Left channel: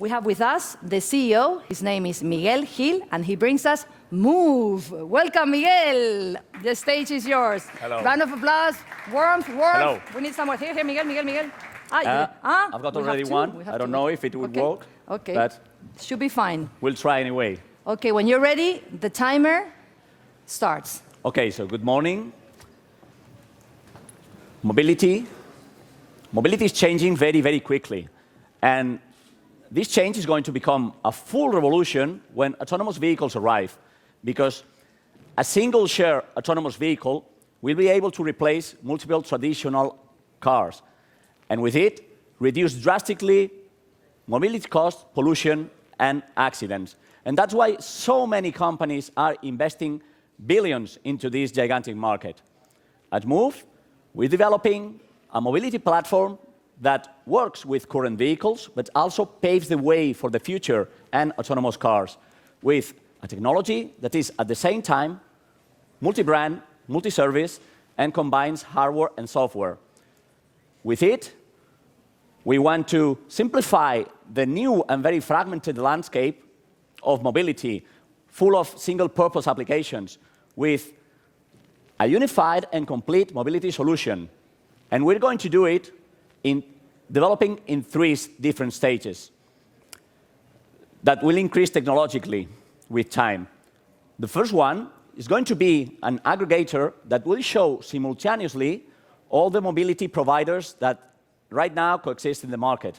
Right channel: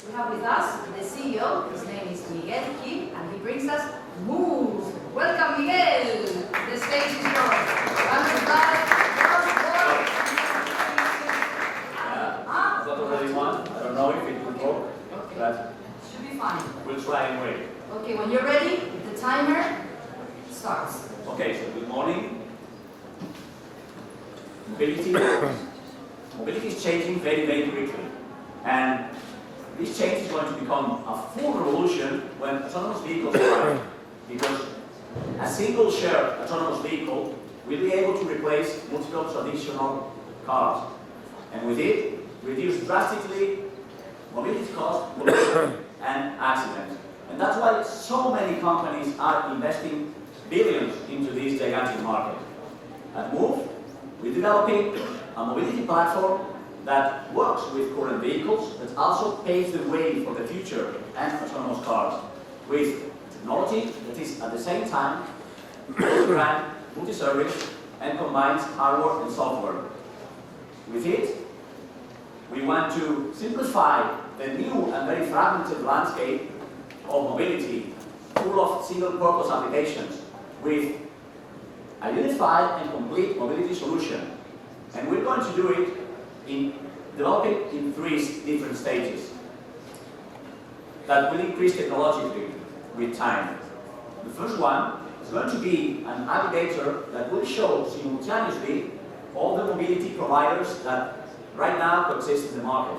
We have with us the CEO. His name is Miguel Gil, and he brings us Move. Welcome, Miguel. The stage is yours. Hello. Round of applause. Warm. Hello. We need some more. Here, Miguel. I've got already one. I don't know if it would work. Okay. But should be fine. we'll try anyway. Okay, when you're ready, the timer starts. Okay, so good morning. Mobility is changing very, very quickly. And this change is going to become a full revolution when autonomous vehicles arrive. Because a single shared autonomous vehicle will be able to replace multiple traditional cars. And with it, reduce drastically mobility cost, pollution, and accidents. And that's why so many companies are investing billions into this gigantic market. At Move, we're developing a mobility platform that works with current vehicles, but also paves the way for the future and autonomous cars, with a technology that is at the same time multi-brand, multi-service, and combines hardware and software. With it, we want to simplify the new and very fragmented landscape of mobility, full of single-purpose applications, with a unified and complete mobility solution. And we're going to do it in developing in 3 different stages that will increase technologically with time. The first one is going to be an aggregator that will show simultaneously all the mobility providers that right now coexist in the market.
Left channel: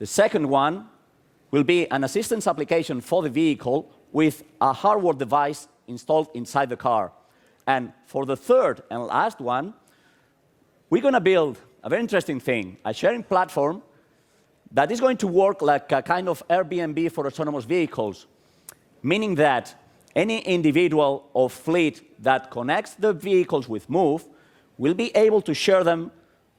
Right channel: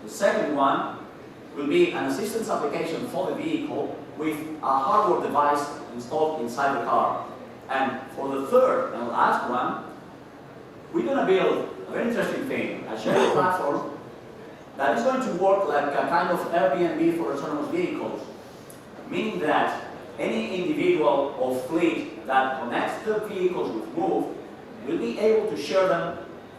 The second one will be an assistance application for the vehicle with a hardware device installed inside the car. And for the third and last one, we're going to build a very interesting thing, a sharing platform that is going to work like a kind of Airbnb for autonomous vehicles, meaning that any individual or fleet that connects the vehicles with Move will be able to share them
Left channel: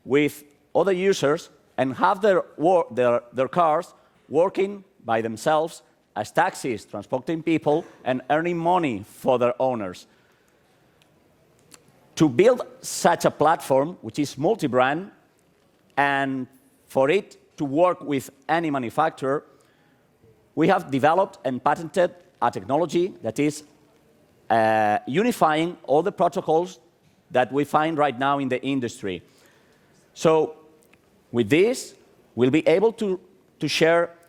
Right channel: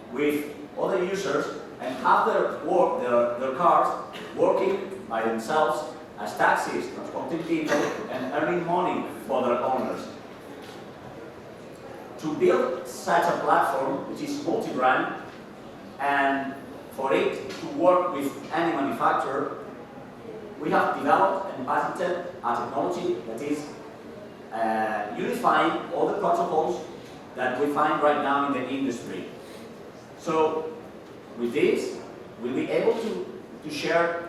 with other users and have their cars working by themselves as taxis, transporting people and earning money for their owners. To build such a platform, which is multi-brand, and for it to work with any manufacturer, we have developed and patented a technology that is unifying all the protocols that we find right now in the industry. So with this, we'll be able to share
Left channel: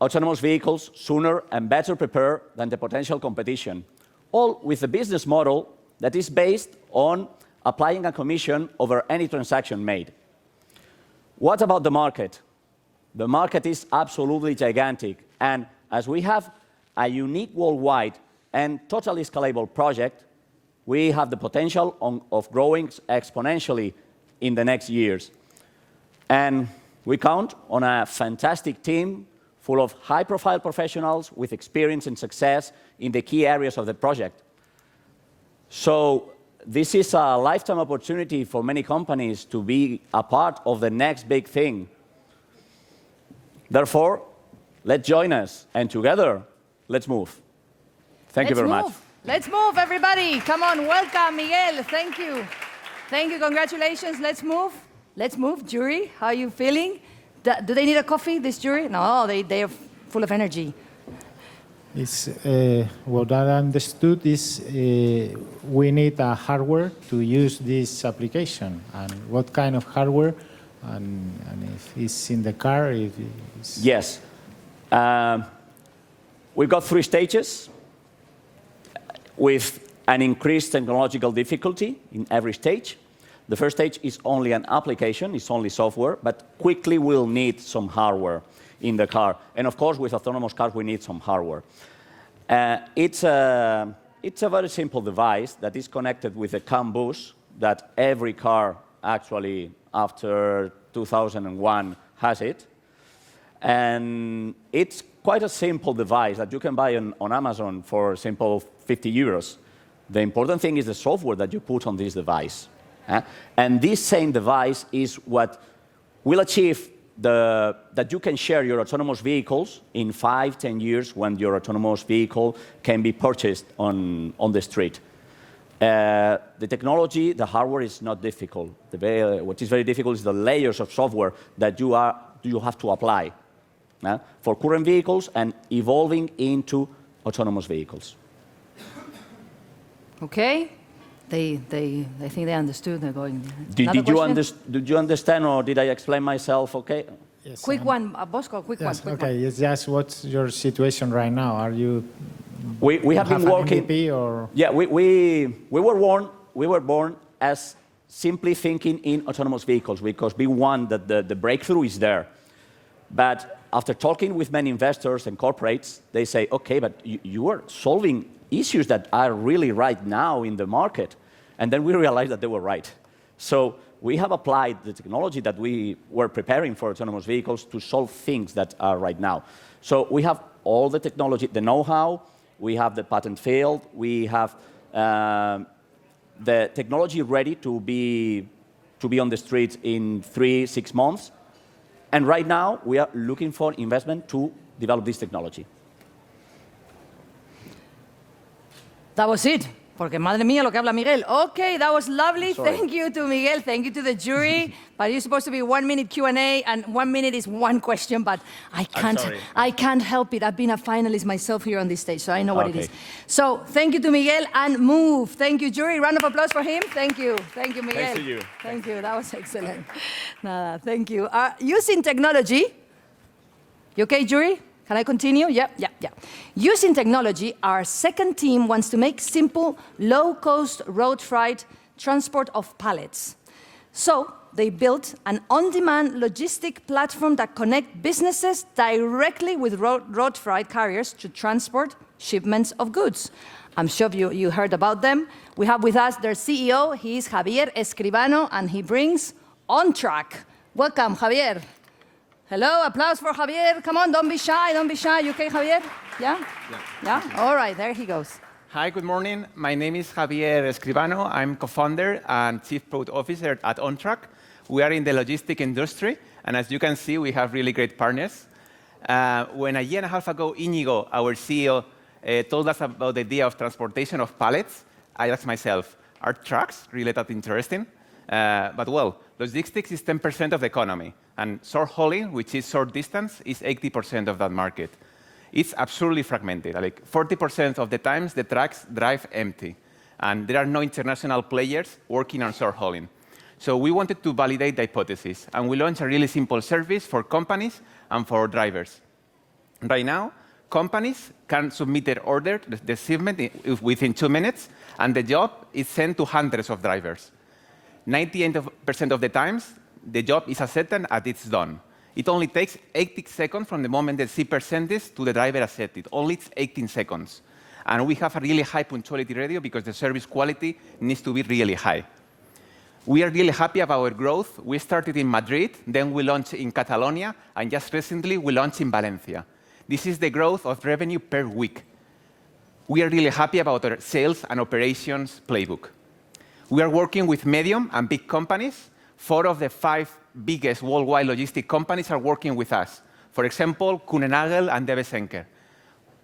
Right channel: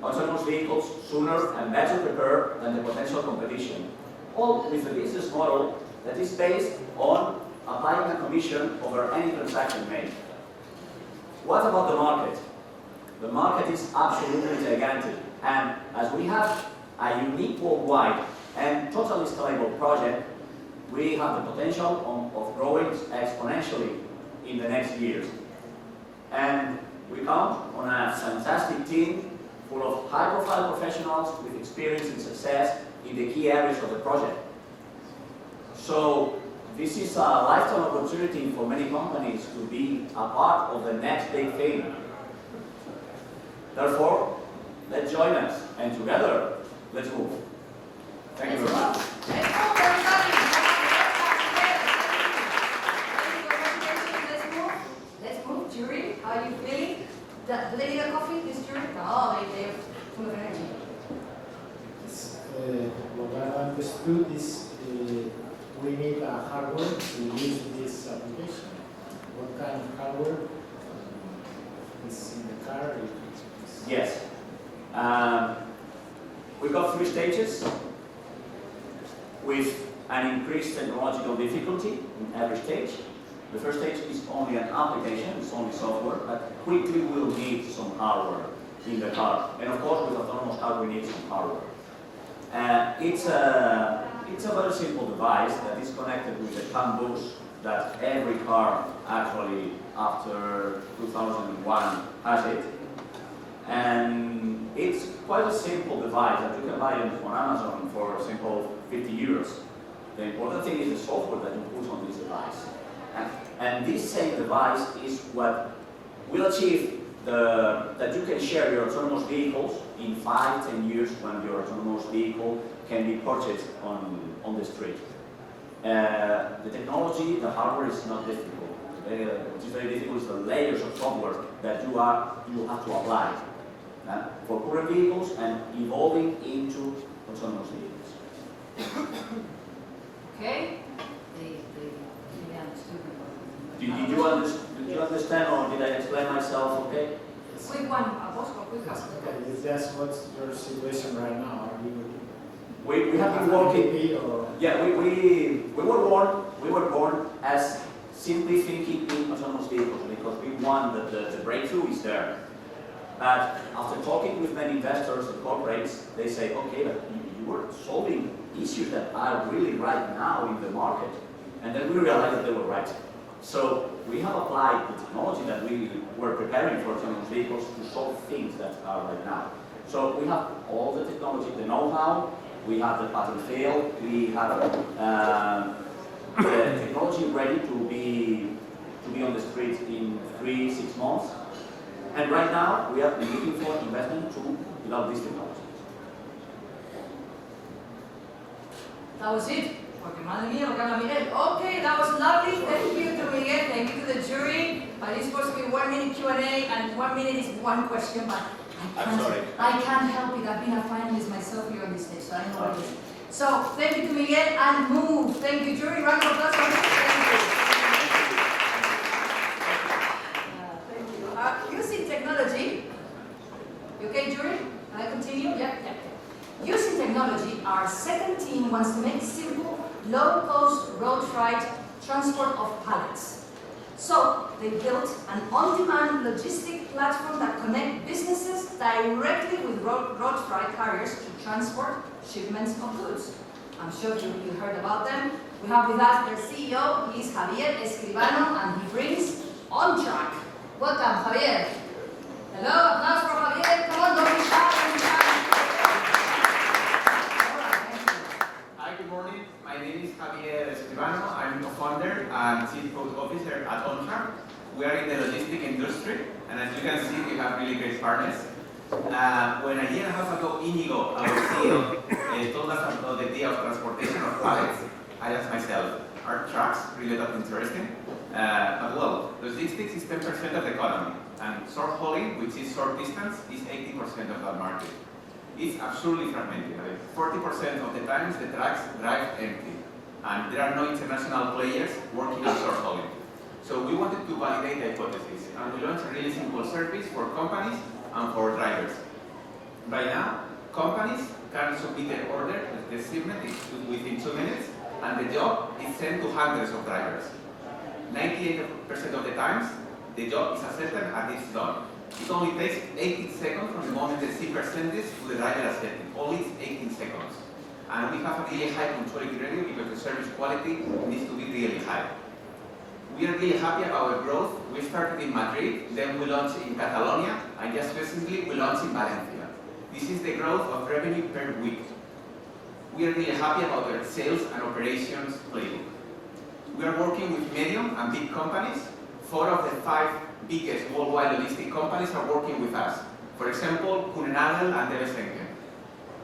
autonomous vehicles sooner and better prepared than the potential competition, all with a business model that is based on applying a commission over any transaction made. What about the market? The market is absolutely gigantic, and as we have a unique worldwide and totally scalable project, we have the potential of growing exponentially in the next years. And we count on a fantastic team full of high-profile professionals with experience and success in the key areas of the project. So this is a lifetime opportunity for many companies to be a part of the next big thing. Therefore, let's join us, and together, let's move. Thank you very much. Let's move, everybody. Come on, welcome, Miguel. Thank you. Thank you, congratulations. Let's move. Let's move. Jury, how are you feeling? Do they need a coffee, this jury? No, they are full of energy. What I understood is we need a hardware to use this application. And what kind of hardware? And if it's in the car, if it's... Yes. We've got 3 stages with an increased technological difficulty in every stage. The first stage is only an application, it's only software, but quickly we'll need some hardware in the car. And of course, with autonomous cars, we need some hardware. It's a very simple device that is connected with a CAN bus that every car actually after 2001 has it. And it's quite a simple device that you can buy on Amazon for simple 50 euros. The important thing is the software that you put on this device. And this same device is what will achieve that you can share your autonomous vehicles in 5-10 years when your autonomous vehicle can be purchased on the street. The technology, the hardware is not difficult. What is very difficult is the layers of software that you have to apply. for current vehicles and evolving into autonomous vehicles. Okay? I think they understood. They're going. Did you understand, or did I explain myself okay? Yes. Quick one, Bosco, quick Yes, one. okay, it's just what's your situation right now? Are you We have been an working. MVP or? Yeah, we were born as simply thinking in autonomous vehicles because we want that the breakthrough is there. But after talking with many investors and corporates, they say, okay, but you are solving issues that are really right now in the market. And then we realized that they were right. So we have applied the technology that we were preparing for autonomous vehicles to solve things that are right now. So we have all the technology, the know-how, we have the patent field, we have the technology ready to be on the street in 3-6 months. And right now, we are looking for investment to develop this technology. That was it. Porque madre mía lo que habla Miguel. Okay, that was lovely. Sorry. Thank you to Miguel. Thank you to the jury. But it's supposed to be 1 minute Q&A, and 1 minute is one question. But I can't help it. I've been a finalist myself here on this stage, so I know what it is. So thank you to Miguel and move. Thank you, jury. Round of applause for him. Thank you. Thank you, Miguel. Thank you. That was excellent. Thank you. Using technology. You okay, jury? Can I continue? Yeah. Using technology, our second team wants to make simple, low-cost road freight transport of pallets. So they built an on-demand logistic platform that connects businesses directly with road freight carriers to transport shipments of goods. I'm sure you heard about them. We have with us their CEO. He is Javier Escribano, and he brings On Track. Welcome, Javier. Hello, applause for Javier. Come on, don't be shy. You okay, Javier? Yeah? All right, there he goes. Hi, good morning. My name is Javier Escribano. I'm co-founder and chief product officer at OnTrack. We are in the logistic industry, and as you can see, we have really great partners. When a year and a half ago, Inigo, our CEO, told us about the idea of transportation of pallets, I asked myself, are trucks really that interesting? But well, logistics is 10% of the economy, and short hauling, which is short distance, is 80% of that market. It's absurdly fragmented. Like 40% of the times, the trucks drive empty, and there are no international players working on short hauling. So we wanted to validate the hypothesis, and we launched a really simple service for companies and for drivers. Right now, companies can submit their order, the shipment, within 2 minutes, and the job is sent to hundreds of drivers. 98% of the times, the job is accepted and it's done. It only takes 18 seconds from the moment the shipper sends this to the driver accepted. Only 18 seconds. And we have a really high punctuality ratio because the service quality needs to be really high. We are really happy about our growth. We started in Madrid, then we launched in Catalonia, and just recently we launched in Valencia. This is the growth of revenue per week. We are really happy about our sales and operations playbook. We are working with medium and big companies. 4 of the 5 biggest worldwide logistic companies are working with us. For example, Kuehne+Nagel and DB Schenker.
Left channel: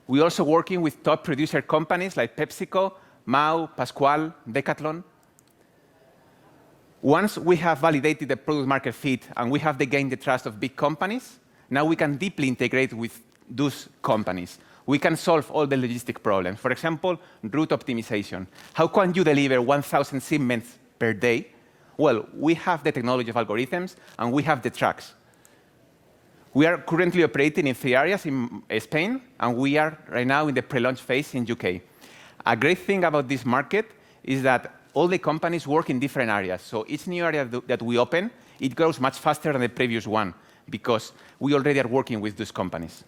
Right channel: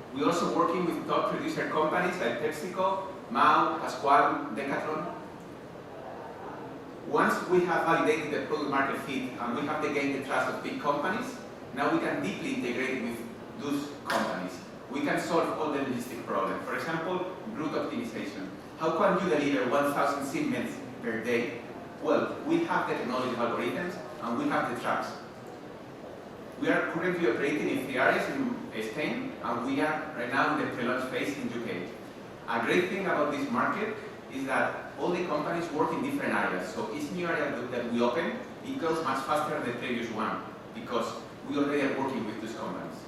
We're also working with top producer companies like PepsiCo, Mau, Pascual, Decathlon. Once we have validated the product market fit and we have gained the trust of big companies, now we can deeply integrate with those companies. We can solve all the logistic problems. For example, route optimization. How can you deliver 1,000 shipments per day? Well, we have the technology of algorithms and we have the trucks. We are currently operating in 3 areas in Spain, and we are right now in the pre-launch phase in UK. A great thing about this market is that all the companies work in different areas. So each new area that we open, it grows much faster than the previous one because we already are working with those companies.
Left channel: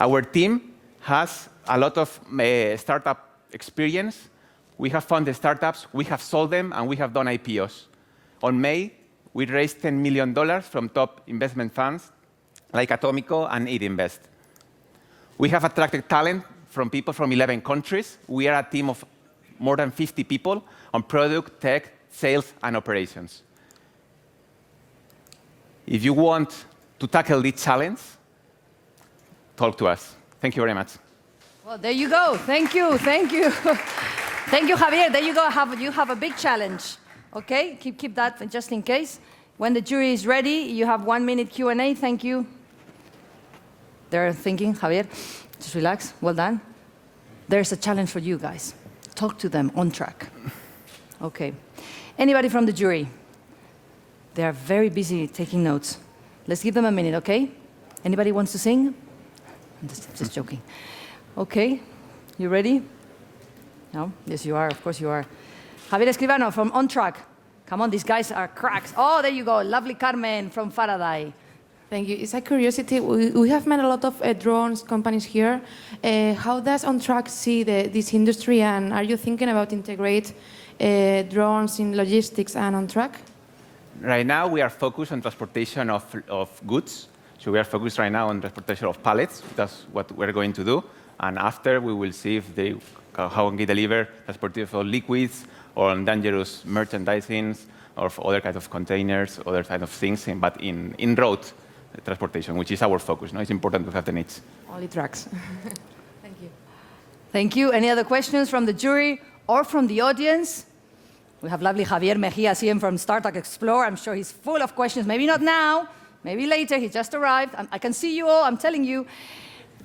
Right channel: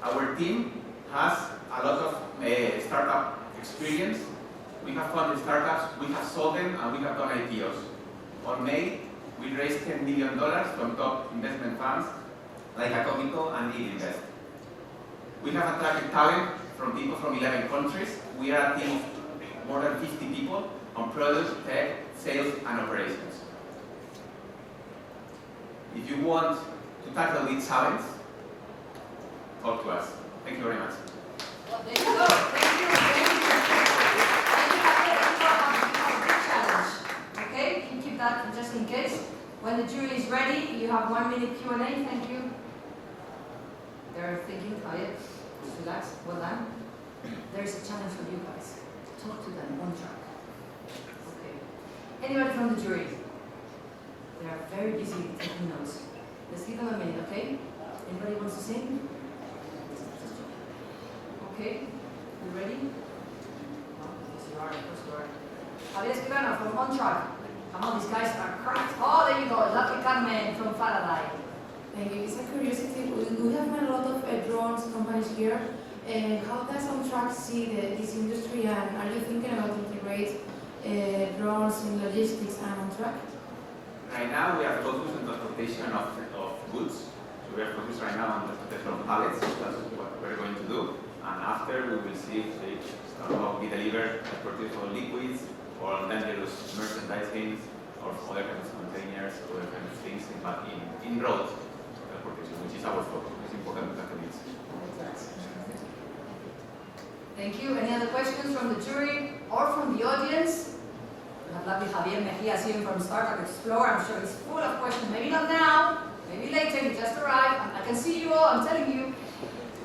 Our team has a lot of startup experience. We have founded startups, we have sold them, and we have done IPOs. On May, we raised $10 million from top investment funds like Atomico and Idinvest. We have attracted talent from people from 11 countries. We are a team of more than 50 people on product, tech, sales, and operations. If you want to tackle this challenge, talk to us. Thank you very much. Well, there you go. Thank you. Thank you, Javier. There you go. You have a big challenge. Okay? Keep that just in case. When the jury is ready, you have 1 minute Q&A. Thank you. they're thinking, Javier, just relax, well done. There's a challenge for you guys. Talk to them on track. Okay. Anybody from the jury? They are very busy taking notes. Let's give them a minute, okay? Anybody wants to sing? I'm just joking. Okay, you ready? No? Yes, you are. Of course you are. Javier Escribano from On Track. Come on, these guys are cracks. Oh, there you go. Lovely Carmen from Faraday. Thank you. It's a curiosity. We have met a lot of drones companies here. How does On Track see this industry, and are you thinking about integrate drones in logistics and On Track? Right now, we are focused on transportation of goods. So we are focused right now on transportation of pallets. That's what we're going to do. And after, we will see if how we deliver transportation of liquids or on dangerous merchandising or other kinds of containers, other kinds of things, but in road transportation, which is our focus. No? It's important to have the needs. Only trucks. Thank you. Thank you. Any other questions from the jury or from the audience? We have lovely Javier Mejia, CM from Startup Explore. I'm sure he's full of questions. Maybe not now, maybe later. He just arrived. I can see you all, I'm telling you.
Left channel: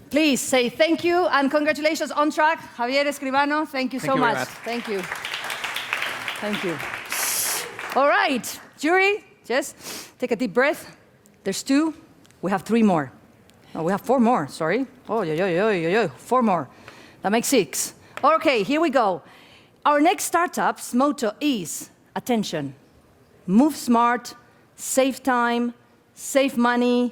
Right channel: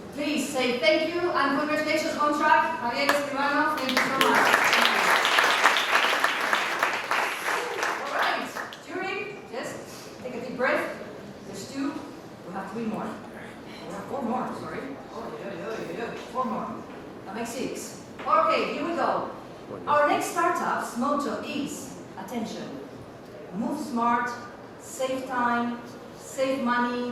Please say thank you and congratulations On Track. Javier Escribano, thank you so much. Thank you. Thank you. All right, jury, just take a deep breath. There's 2. We have 3 more. Oh, we have 4 more, sorry. Oh, 4 more. That makes 6. Okay, here we go. Our next startup's motto is, attention, move smart, save time, save money,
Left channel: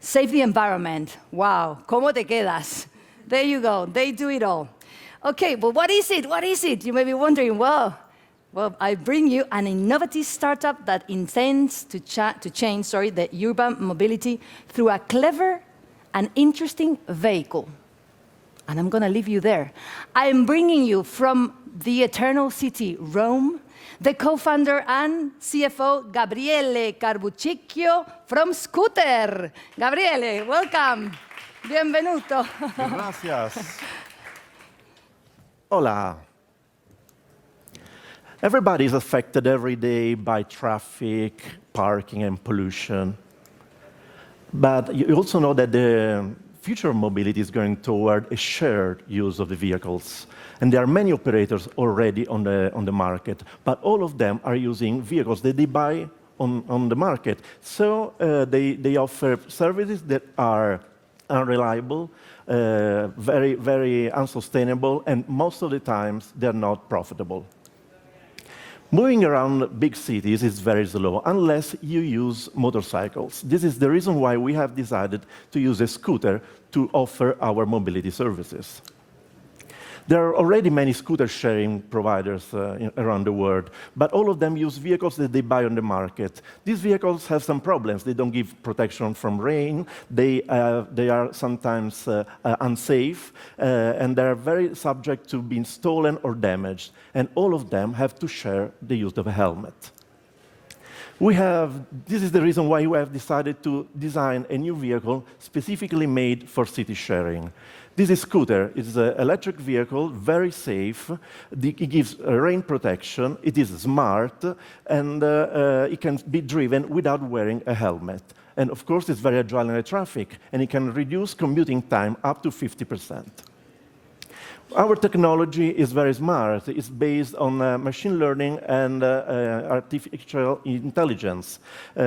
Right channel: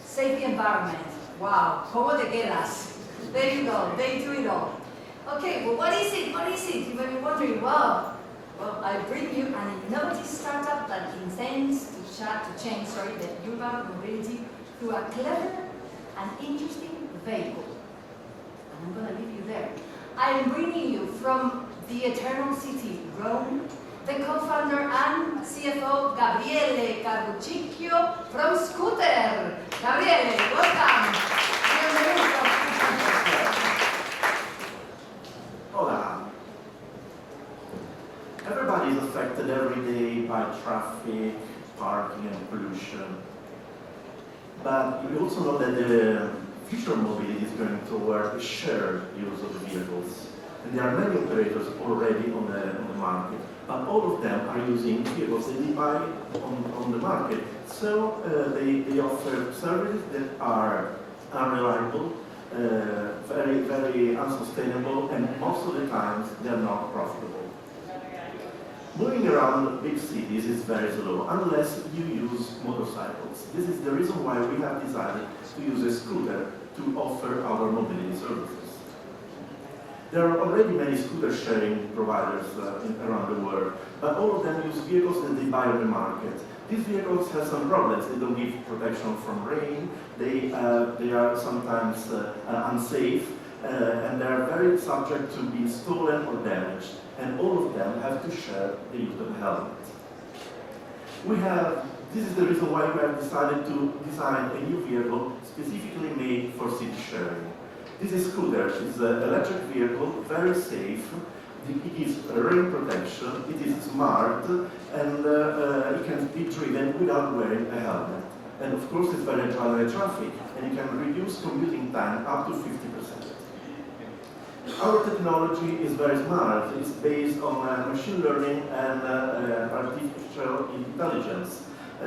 save the environment. Wow, ¿cómo te quedas? There you go, they do it all. Okay, but what is it? What is it? You may be wondering, well, I bring you an innovative startup that intends to change the urban mobility through a clever and interesting vehicle. And I'm going to leave you there. I am bringing you from the eternal city, Rome, the co-founder and CFO, Gabriele Carbucicchio from Scooter. Gabriele, welcome. Bienvenuto. Hola. Everybody is affected every day by traffic, parking, and pollution. But you also know that the future mobility is going toward a shared use of the vehicles. And there are many operators already on the market, but all of them are using vehicles that they buy on the market. So they offer services that are unreliable, very, very unsustainable, and most of the times they're not profitable. Moving around big cities is very slow unless you use motorcycles. This is the reason why we have decided to use a scooter to offer our mobility services. There are already many scooter sharing providers around the world, but all of them use vehicles that they buy on the market. These vehicles have some problems. They don't give protection from rain, they are sometimes unsafe, and they are very subject to being stolen or damaged, and all of them have to share the use of a helmet. This is the reason why we have decided to design a new vehicle specifically made for city sharing. This is Scooter. It's an electric vehicle, very safe. It gives rain protection. It is smart, and it can be driven without wearing a helmet. And of course, it's very agile in the traffic, and it can reduce commuting time up to 50%. Our technology is very smart. It's based on machine learning and artificial intelligence. We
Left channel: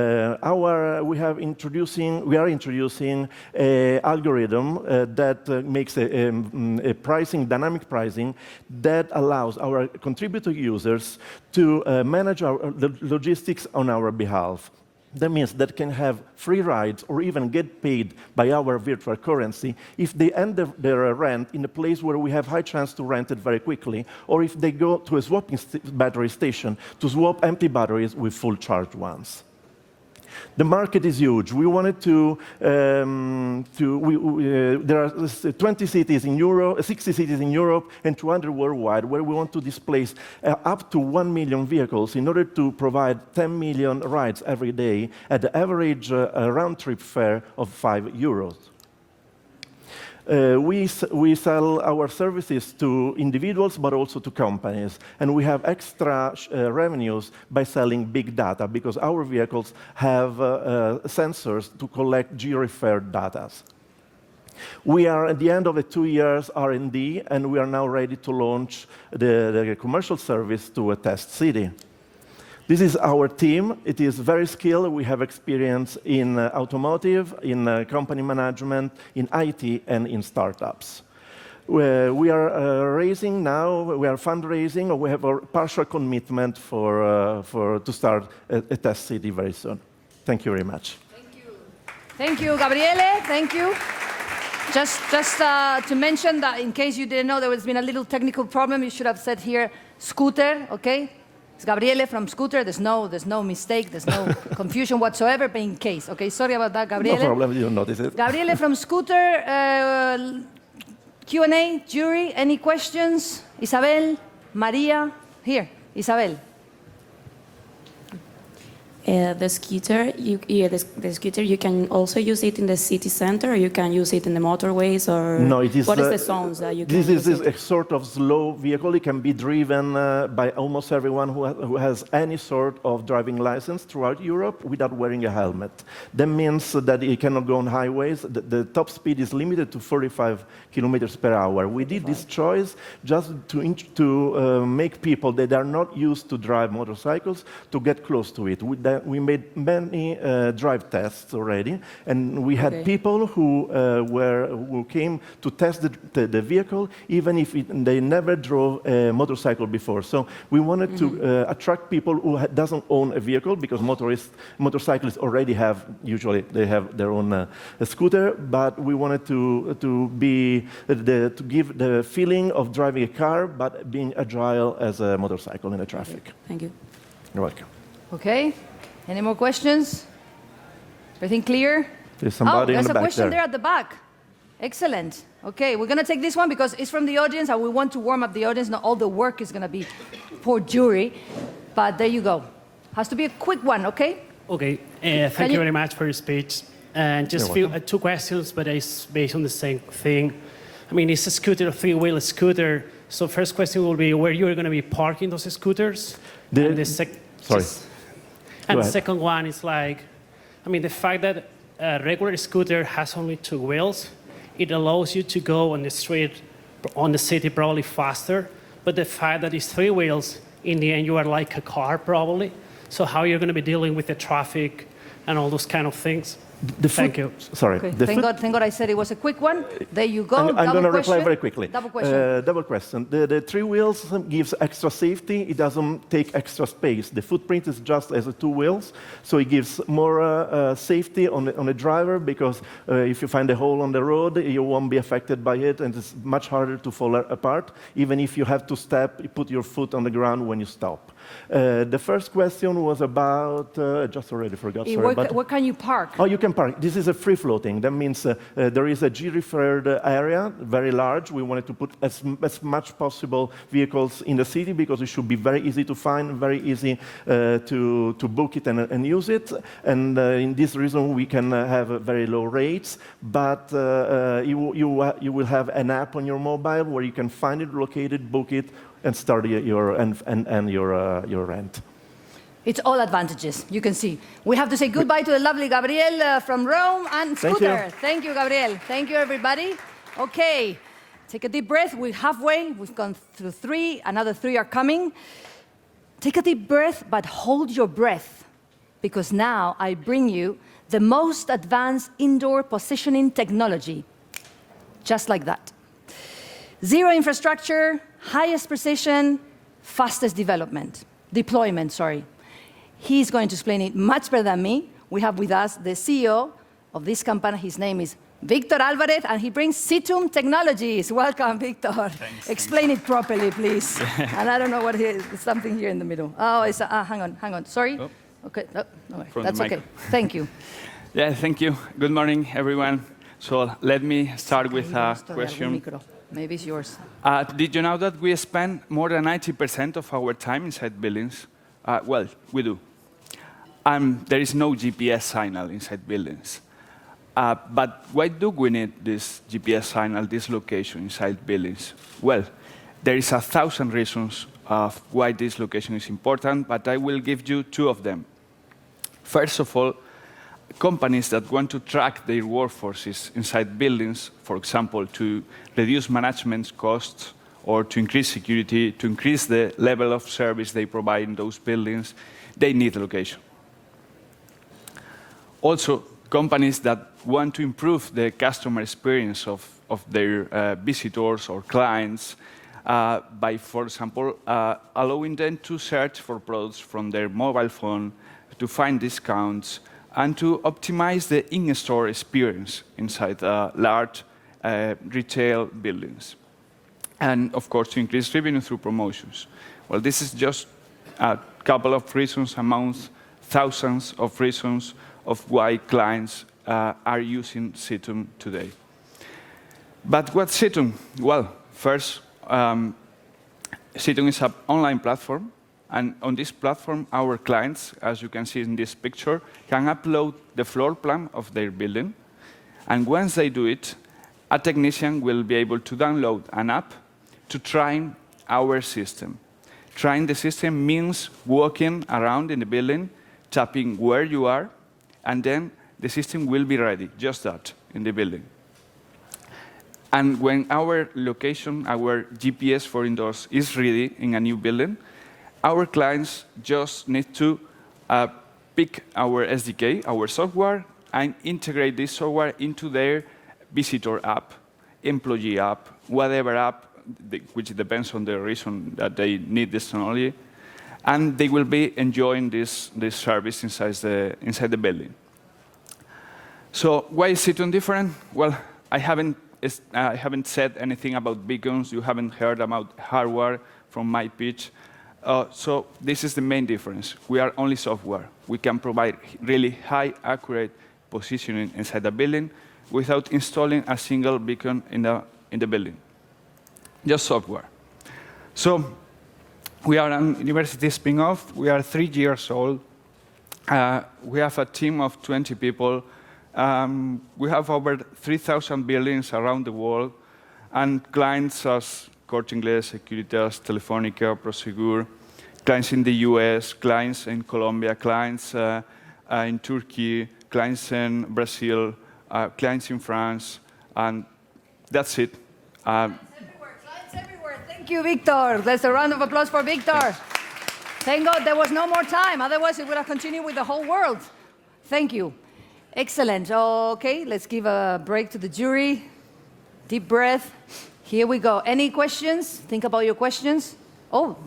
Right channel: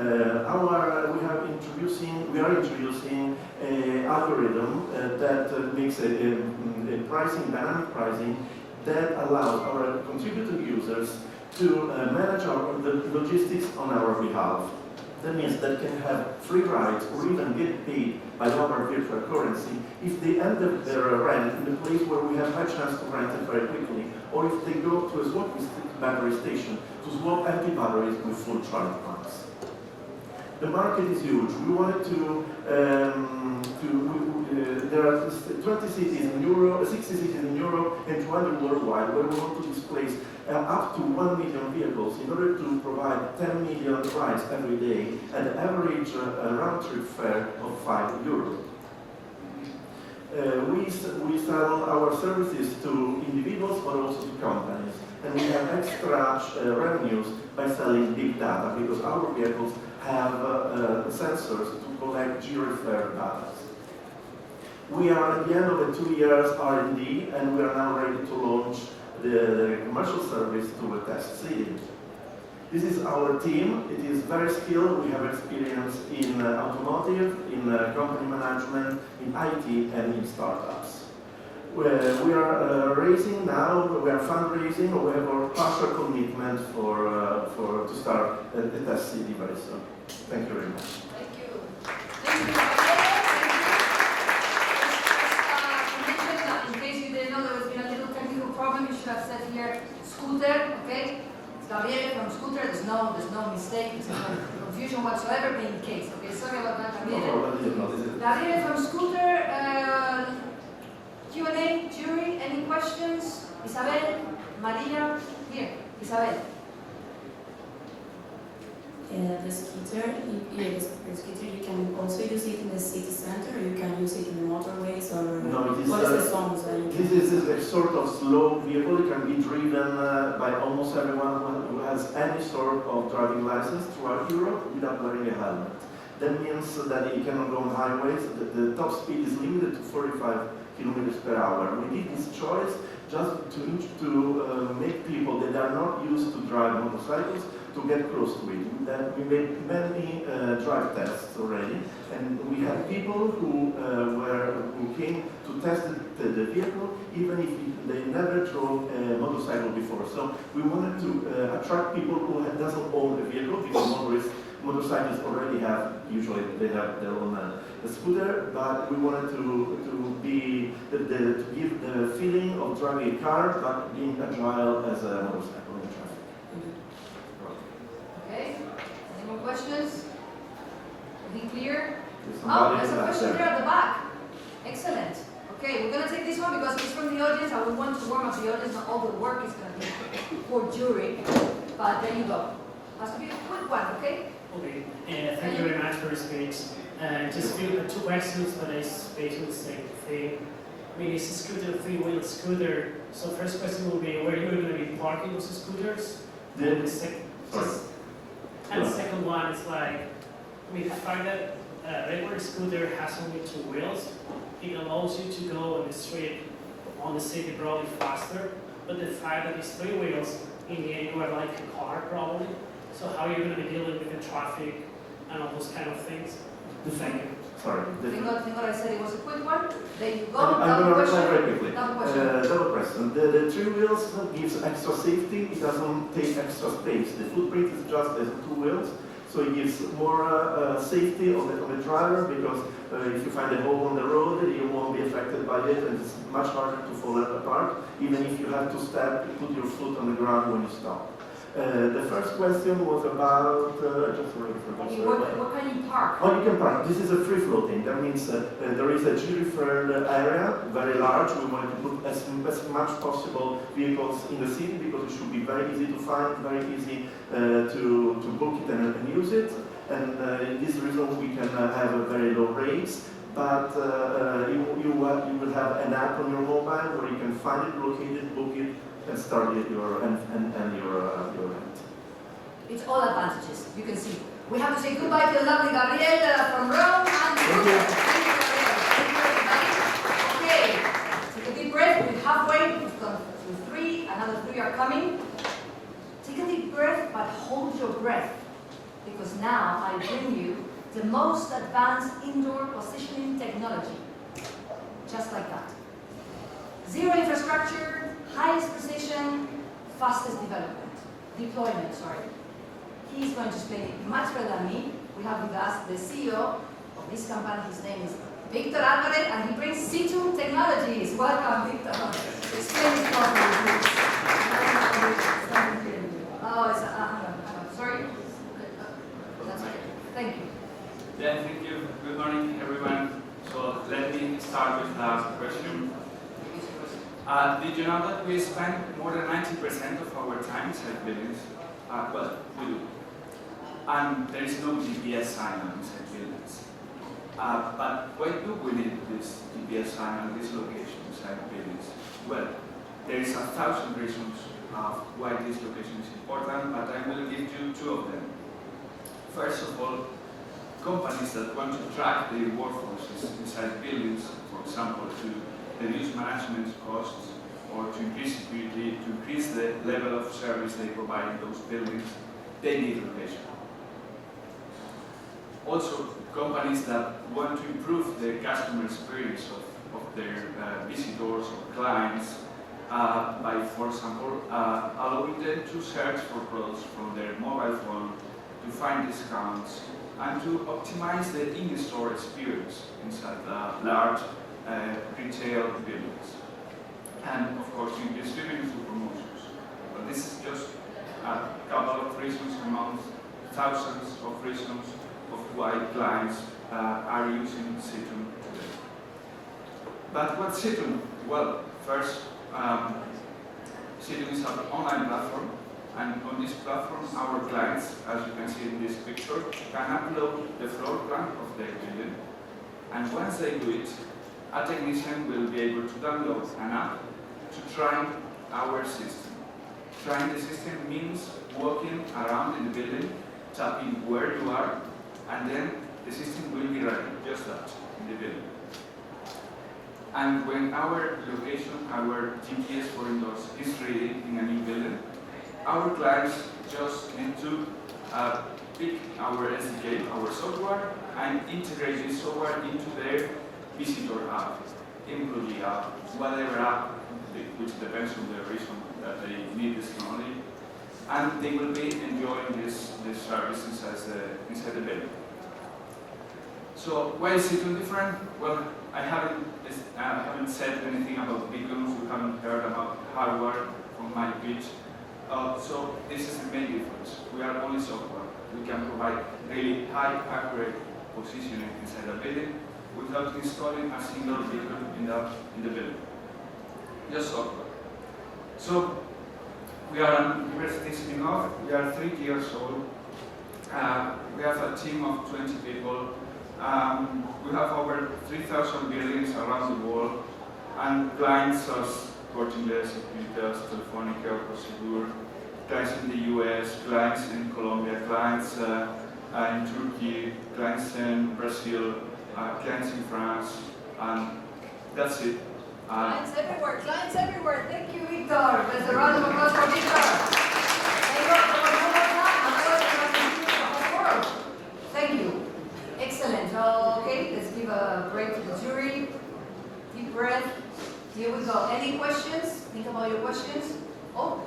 are introducing an algorithm that makes a dynamic pricing that allows our contributor users to manage the logistics on our behalf. That means that can have free rides or even get paid by our virtual currency if they end their rent in a place where we have high chance to rent it very quickly, or if they go to a swapping battery station to swap empty batteries with full charged ones. The market is huge. We wanted there are 20 cities in Europe, 60 cities in Europe, and 200 worldwide, where we want to displace up to 1 million vehicles in order to provide 10 million rides every day at the average round-trip fare of €5. We sell our services to individuals, but also to companies. And we have extra revenues by selling big data, because our vehicles have sensors to collect geo-referred data. We are at the end of the 2 years R&D, and we are now ready to launch the commercial service to a test city. This is our team. It is very skilled. We have experience in automotive, in company management, in IT, and in startups. We are raising now. We are fundraising. We have a partial commitment to start a test city very soon. Thank you very much. Thank you, Gabriele. Thank you. Just to mention that in case you didn't know, there has been a little technical problem. You should have said here, Scooter, okay? It's Gabriele from Scooter. There's no mistake. There's no confusion whatsoever, but in case, okay? Sorry about that, Gabriele. No problem. You notice it. Gabriele from Scooter. Q&A, jury, any questions? Isabel, Maria, here, Isabel. The scooter, the scooter, you can also use it in the city center, or you can use it in the motorways, or no, it is what is the songs that you can This is a sort of slow vehicle. It can be driven by almost everyone who has any sort of driving license throughout Europe without wearing a helmet. That means that it cannot go on highways. The top speed is limited to 45 kilometers per hour. We did this choice just to make people that are not used to drive motorcycles to get close to it. We made many drive tests already, and we had people who came to test the vehicle, even if they never drove a motorcycle before. So we wanted to attract people who doesn't own a vehicle, because motorcyclists already usually have their own scooter, but we wanted to give the feeling of driving a car, but being agile as a motorcycle in the traffic. Thank you. You're welcome. Okay, any more questions? Everything clear? There's somebody there's in the a back question there. there at the back. Excellent. Okay, we're gonna take this one because it's from the audience, and we want to warm up the audience. Not all the work is gonna be for jury, but there you go. Has to be a quick one, okay? Okay, thank you very much for your speech. And just two questions, but it's based on the same thing. I mean, it's a scooter, a three-wheel scooter. So first question will be where you're going to be parking those scooters. And the second one is like, I mean, the fact that a regular scooter has only two wheels, it allows you to go on the street, on the city probably faster. But the fact that it's three wheels, in the end, you are like a car probably. So how you're going to be dealing with the traffic and all those kind of things? Thank you. Sorry. Okay. Thank God I said it was a quick one. There you go. I'm going to reply very quickly. Double question. Double question. The three wheels gives extra safety. It doesn't take extra space. The footprint is just as two wheels, so it gives more safety on the driver, because if you find a hole on the road, you won't be affected by it, and it's much harder to fall apart, even if you have to put your foot on the ground when you stop. The first question was about, just already forgot, sorry. Where can you park? Oh, you can park. This is a free floating. That means there is a G-referred area, very large. We wanted to put as much possible vehicles in the city, because it should be very easy to find, very easy to book it and use it. And in this reason, we can have very low rates. But you will have an app on your mobile where you can find it, locate it, book it, and start your rent. It's all advantages, you can see. We have to say goodbye to the lovely Gabriel from Rome and Scooter. Thank you, Gabriel. Thank you, everybody. Okay, take a deep breath. We're halfway. We've gone through 3. Another 3 are coming. Take a deep breath, but hold your breath, because now I bring you the most advanced indoor positioning technology. Just like that. Zero infrastructure, highest precision, fastest deployment. He's going to explain it much better than me. We have with us the CEO of this company. His name is Victor Alvarez, and he brings Situm Technologies. Welcome, Victor. Explain it properly, please. And I don't know what it is. It's something here in the middle. Oh, it's hang on. Sorry. Okay, no, that's okay. Thank you. Yeah, thank you. Good morning, everyone. So let me start with a question. Maybe it's yours. Did you know that we spend more than 90% of our time inside buildings? Well, we do. And there is no GPS signal inside buildings. But why do we need this GPS signal, this location inside buildings? Well, there is 1,000 reasons of why this location is important, but I will give you 2 of them. First of all, companies that want to track their workforces inside buildings, for example, to reduce management costs or to increase security, to increase the level of service they provide in those buildings, they need location. Also, companies that want to improve the customer experience of their visitors or clients by, for example, allowing them to search for products from their mobile phone, to find discounts, and to optimize the in-store experience inside large retail buildings. And of course, to increase revenue through promotions. Well, this is just a couple of reasons among thousands of reasons of why clients are using Situn today. But what's Situn? Well, first, Situn is an online platform, and on this platform, our clients, as you can see in this picture, can upload the floor plan of their building. And once they do it, a technician will be able to download an app to try our system. Trying the system means walking around in the building, tapping where you are, and then the system will be ready, just that, in the building. And when our location, our GPS for indoors is ready in a new building, our clients just need to pick our SDK, our software, and integrate this software into their visitor app, employee app, whatever app, which depends on the reason that they need this technology, and they will be enjoying this service inside the building. So why is Situn different? Well, I haven't said anything about beacons. You haven't heard about hardware from my pitch. So this is the main difference. We are only software. We can provide really high, accurate positioning inside the building without installing a single beacon in the building. Just software. So we are a university spin-off. We are 3 years old. We have a team of 20 people. We have over 3,000 buildings around the world, and clients as Corte Inglés, Securitas, Telefónica, Prosegur, clients in the US, clients in Colombia, clients in Turkey, clients in Brazil, clients in France, and that's it. Clients everywhere. Thank you, Victor. There's a round of applause for Victor. Thank God there was no more time, otherwise we would have continued with the whole world. Thank you. Excellent. Okay, let's give a break to the jury. Deep breath. Here we go. Any questions? Think about your questions. Oh,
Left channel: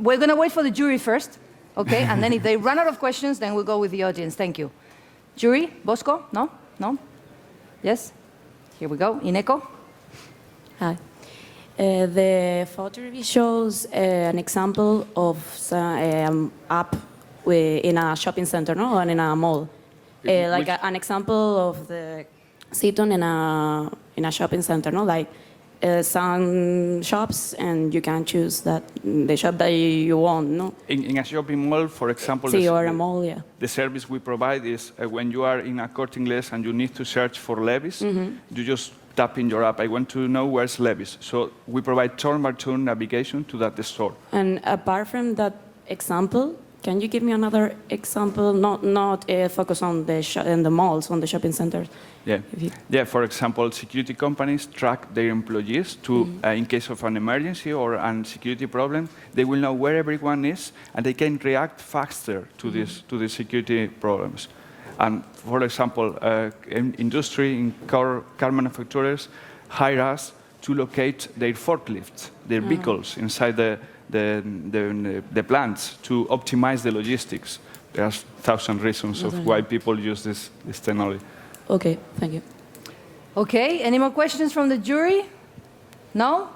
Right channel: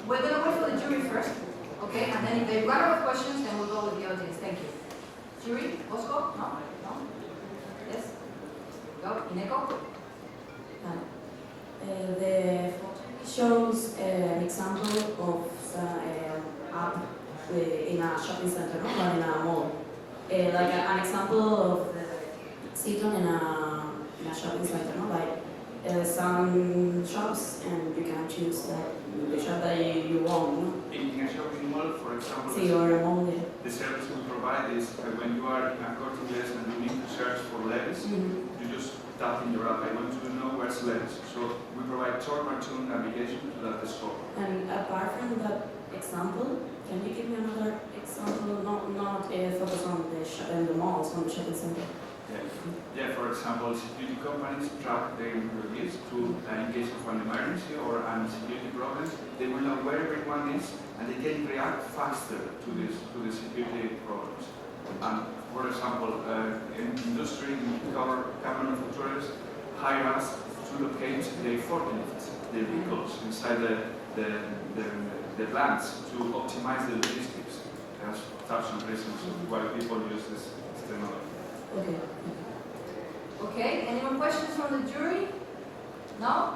we're going to wait for the jury first. Okay, and then if they run out of questions, then we'll go with the audience. Thank you. Jury, Bosco? No? No? Yes? Here we go. Ineko? Hi. The photo shows an example of app in a shopping center, no, and in a mall. Like an example of the Situn in a shopping center, no, like some shops, and you can choose the shop that you want, no. In a shopping mall, for example, or a mall, yeah. The service we provide is when you are in a Corte Inglés and you need to search for Levi's, you just tap in your app, I want to know where's Levi's. So we provide turn-by-turn navigation to that store. And apart from that example, can you give me another example, not focus on the malls, on the shopping centers? Yeah. Yeah, for example, security companies track their employees to, in case of an emergency or a security problem, they will know where everyone is and they can react faster to these security problems. And for example, industry in car manufacturers hire us to locate their forklifts, their vehicles inside the plants to optimize the logistics. There are 1,000 reasons of why people use this technology. Okay, thank you. Okay, any more questions from the jury? No?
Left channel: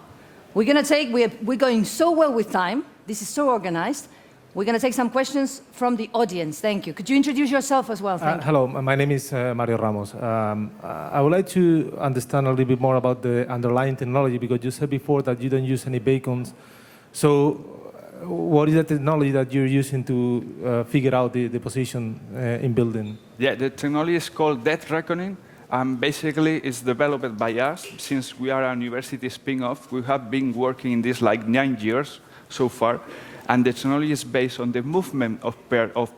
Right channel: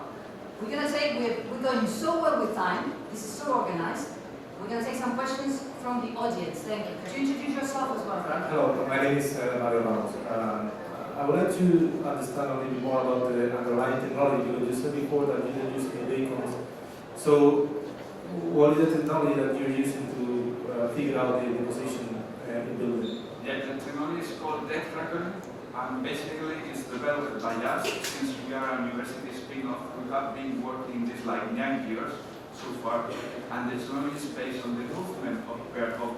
We're going so well with time. This is so organized. We're going to take some questions from the audience. Thank you. Could you introduce yourself as well? Hello, my name is Mario Ramos. I would like to understand a little bit more about the underlying technology, because you said before that you don't use any beacons. So what is the technology that you're using to figure out the position in building? Yeah, the technology is called death reckoning. Basically, it's developed by us. Since we are a university spin-off, we have been working in this like 9 years so far. And the technology is based on the movement of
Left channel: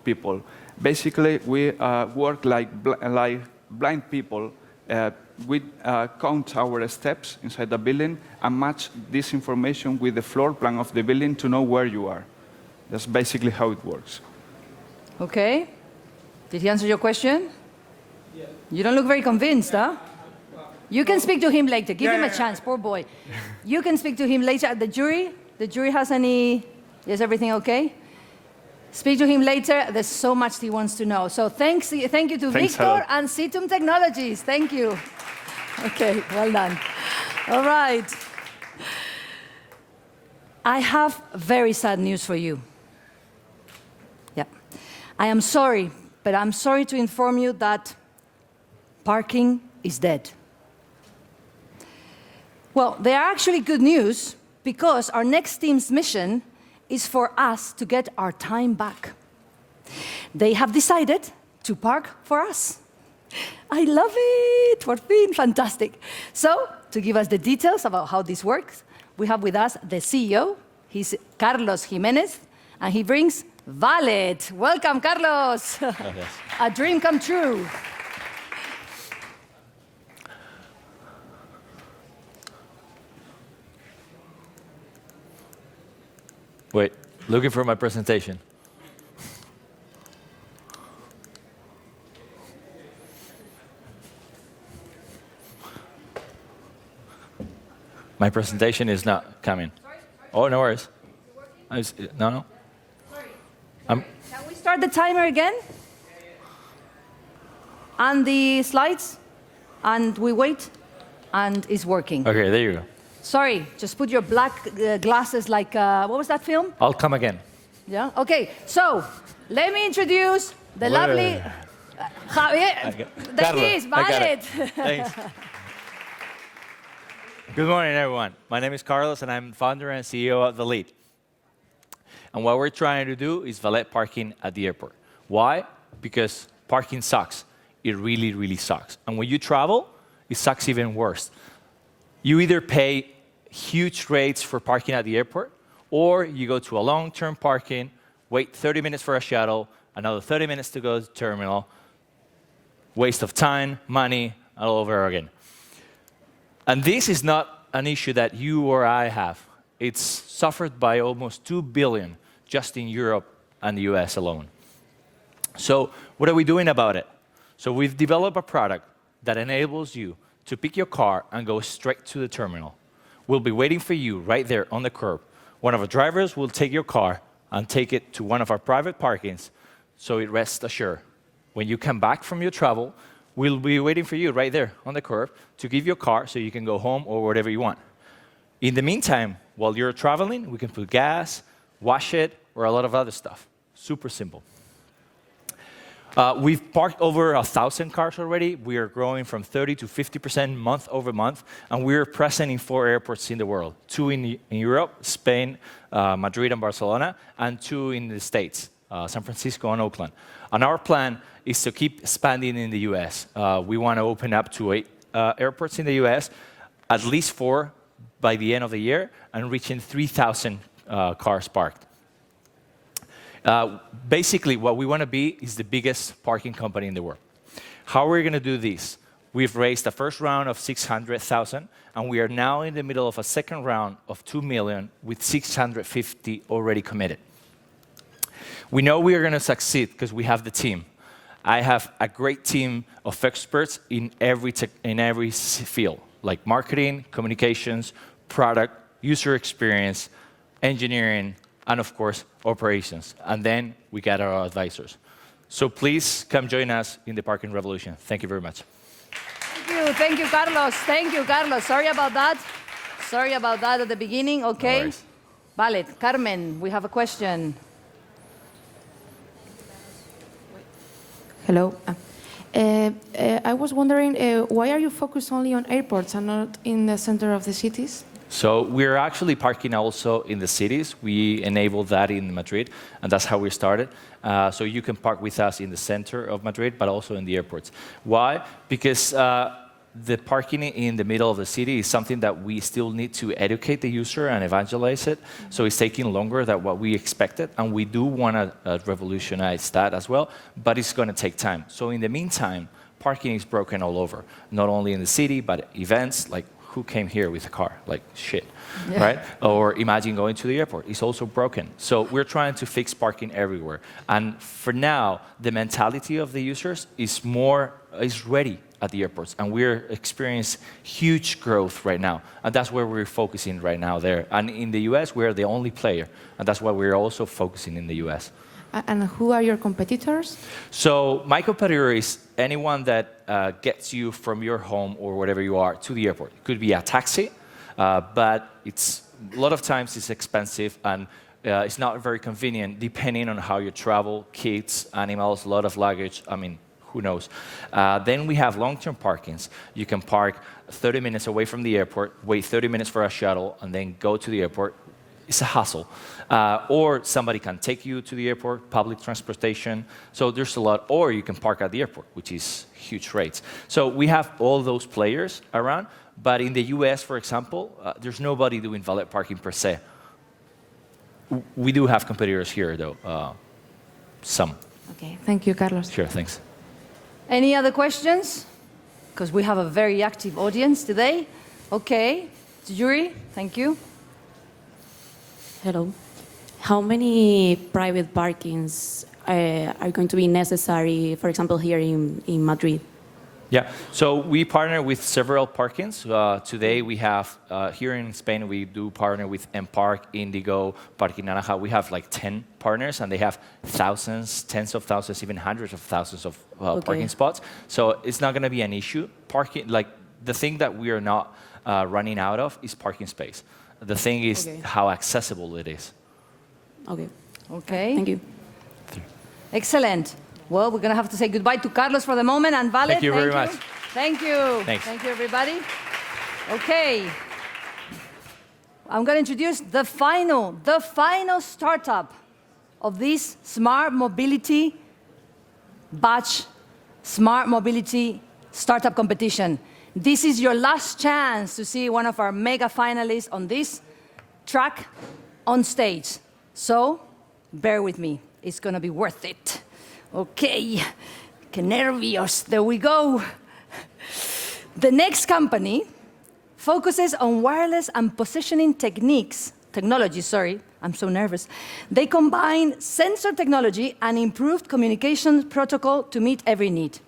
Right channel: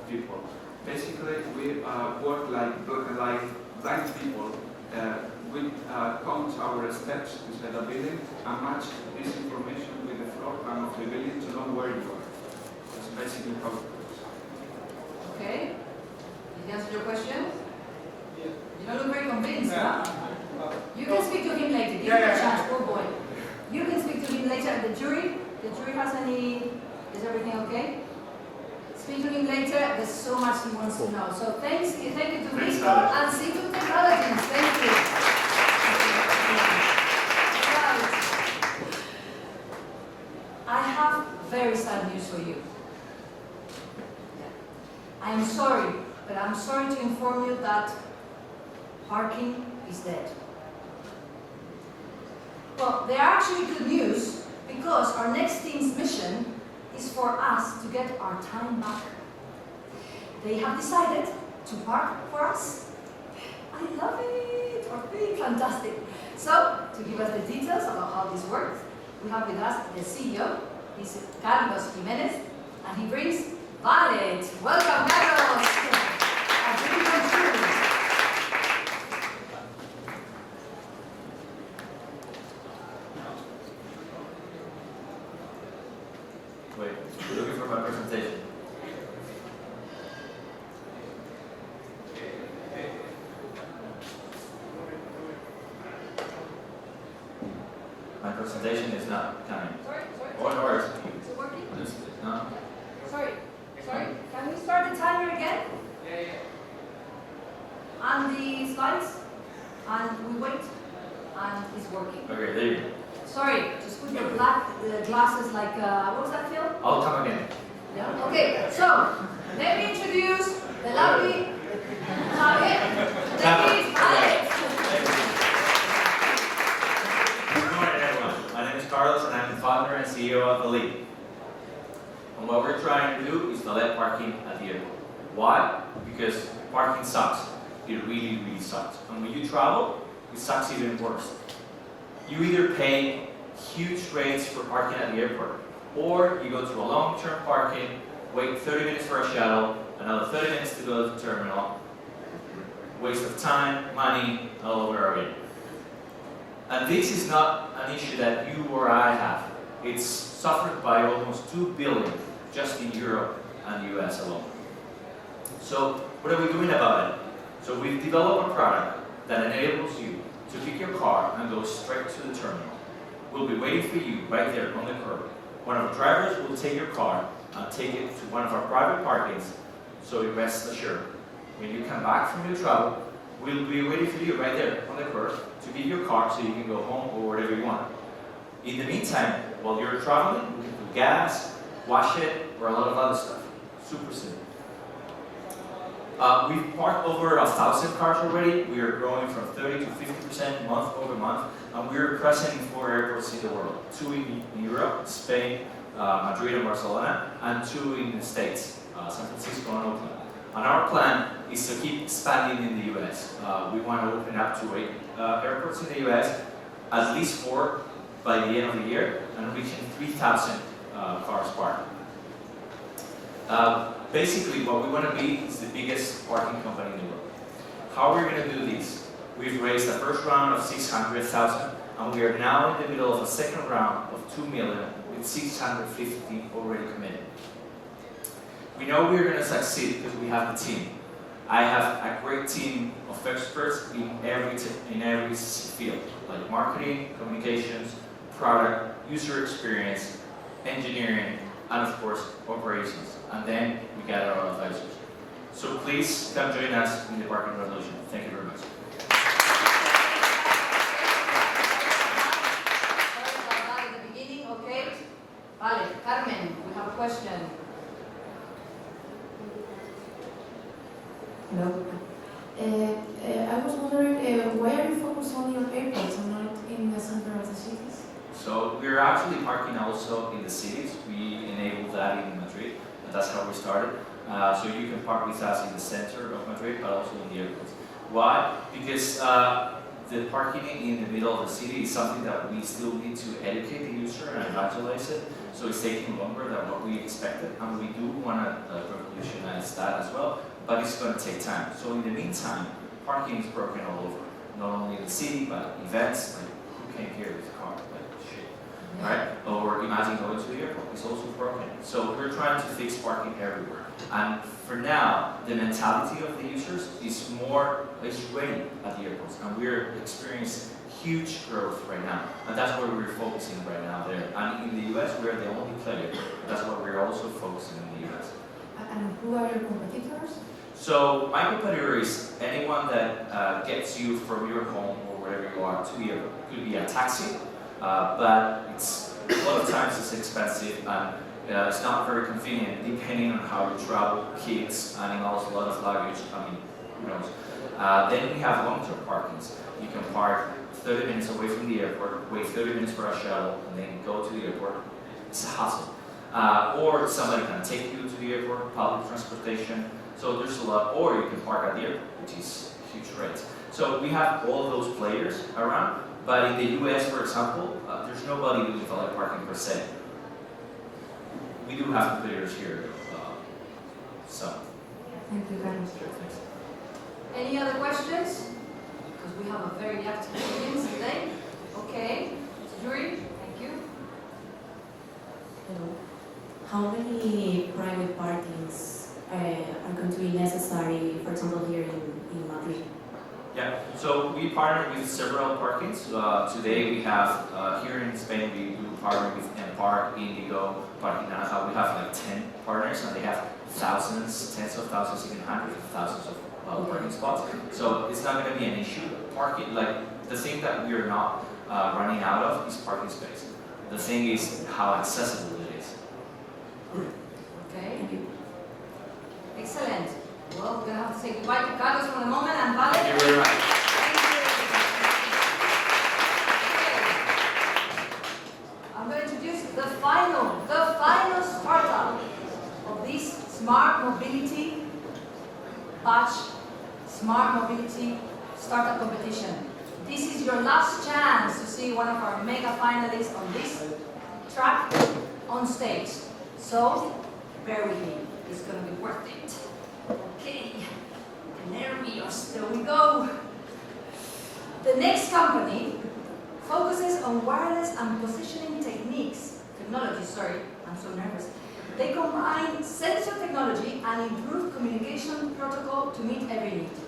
people. Basically, we work like blind people. We count our steps inside the building and match this information with the floor plan of the building to know where you are. That's basically how it works. Okay. Did he answer your question? Yeah. You don't look very convinced, huh? You can speak to him later. Give him a chance, poor boy. You can speak to him later. The jury has any... Is everything okay? Speak to him later. There's so much he wants to know. So thank you to Victor and Situm Technologies. Thank you. Okay, well done. All right. I have very sad news for you. Yeah. I am sorry, but I'm sorry to inform you that parking is dead. Well, they are actually good news because our next team's mission is for us to get our time back. They have decided to park for us. I love it, por fin, fantastic. So, to give us the details about how this works, we have with us the CEO, he's Carlos Jimenez, and he brings Valet. Welcome, Carlos. A dream come true. Wait, looking for my presentation. My presentation is not coming. Oh, no worries. No. Sorry. Can we start the timer again? And the slides? And we wait? And it's working. Okay, there you go. Sorry, just put your black glasses like, what was that film? I'll come again. Yeah? Okay, so let me introduce the lovely Javier. That is Valet. Good morning, everyone. My name is Carlos, and I'm the founder and CEO of Valet. And what we're trying to do is valet parking at the airport. Why? Because parking sucks. It really, really sucks. And when you travel, it sucks even worse. You either pay huge rates for parking at the airport, or you go to a long-term parking, wait 30 minutes for a shuttle, another 30 minutes to go to the terminal, waste of time, money, all over again. And this is not an issue that you or I have. It's suffered by almost 2 billion just in Europe and the US alone. So what are we doing about it? So we've developed a product that enables you to pick your car and go straight to the terminal. We'll be waiting for you right there on the curb. One of our drivers will take your car and take it to one of our private parkings, so it rests assured. When you come back from your travel, we'll be waiting for you right there on the curb to give your car so you can go home or whatever you want. In the meantime, while you're traveling, we can put gas, wash it, or a lot of other stuff. Super simple. We've parked over 1,000 cars already. We are growing from 30 to 50% month over month, and we're present in 4 airports in the world. 2 in Europe, Spain, Madrid and Barcelona, and 2 in the States, San Francisco and Oakland. And our plan is to keep expanding in the US. We want to open up to 8 airports in the US, at least 4 by the end of the year, and reaching 3,000 cars parked. Basically, what we want to be is the biggest parking company in the world. How are we going to do this? We've raised the first round of 600,000, and we are now in the middle of a second round of 2 million with 650 already committed. We know we are going to succeed because we have the team. I have a great team of experts in every field, like marketing, communications, product, user experience, engineering, and of course, operations. And then we got our advisors. So please come join us in the parking revolution. Thank you very much. Thank you, Carlos. Thank you, Carlos. Sorry about that. Sorry about that at the beginning. Okay. No Vale. Carmen, we have a question. Hello. I was wondering, why are you focused only on airports and not in the center of the cities? So we're actually parking also in the cities. We enabled that in Madrid, and that's how we started. So you can park with us in the center of Madrid, but also in the airports. Why? Because the parking in the middle of the city is something that we still need to educate the user and evangelize it. So it's taking longer than what we expected, and we do want to revolutionize that as well, but it's going to take time. So in the meantime, parking is broken all over, not only in the city, but events, like who came here with a car? Like shit, Yeah. right? Or imagine going to the airport, it's also broken. So we're trying to fix parking everywhere. And for now, the mentality of the users is ready at the airports, and we're experiencing huge growth right now, and that's where we're focusing right now there. And in the US, we're the only player, and that's why we're also focusing in the US. And who are your competitors? So my competitor is anyone that gets you from your home or wherever you are to the airport. Could be a taxi, but it's a lot of times it's expensive, and it's not very convenient depending on how you travel, kids, animals, a lot of luggage. I mean, who knows? Then we have long-term parkings. You can park 30 minutes away from the airport, wait 30 minutes for a shuttle, and then go to the airport. It's a hassle. Or somebody can take you to the airport, public transportation. So there's a lot. Or you can park at the airport, which is huge rates. So we have all those players around. But in the US, for example, there's nobody doing valet parking per se. We do have competitors here, though. Some. Okay, thank you, Carlos. Sure, thanks. Any other questions? Because we have a very active audience today. Okay, Yuri, thank you. Hello. How many private parkings are going to be necessary, for example, here in Madrid? Yeah, so we partner with several parkings. Today we have, here in Spain, we do partner with Empark, Indigo, Parking Naranja. We have like 10 partners, and they have thousands, tens of thousands, even hundreds of thousands of parking spots. So it's not going to be an issue. Parking, like the thing that we are not running out of is parking space. The thing is how accessible it is. Okay. Okay. Thank you. Excellent. Well, we're going to have to say goodbye to Carlos for the moment, and Vale. Thank you very much. Thank you. Thanks. Thank you, everybody. Okay. I'm going to introduce the final startup of this Smart Mobility Batch Smart Mobility Startup Competition. This is your last chance to see one of our mega finalists on this track on stage. So, bear with me. It's going to be worth it. Okay, que nervios, there we go. The next company focuses on wireless and positioning technology, I'm so nervous. They combine sensor technology and improved communication protocol to meet every need.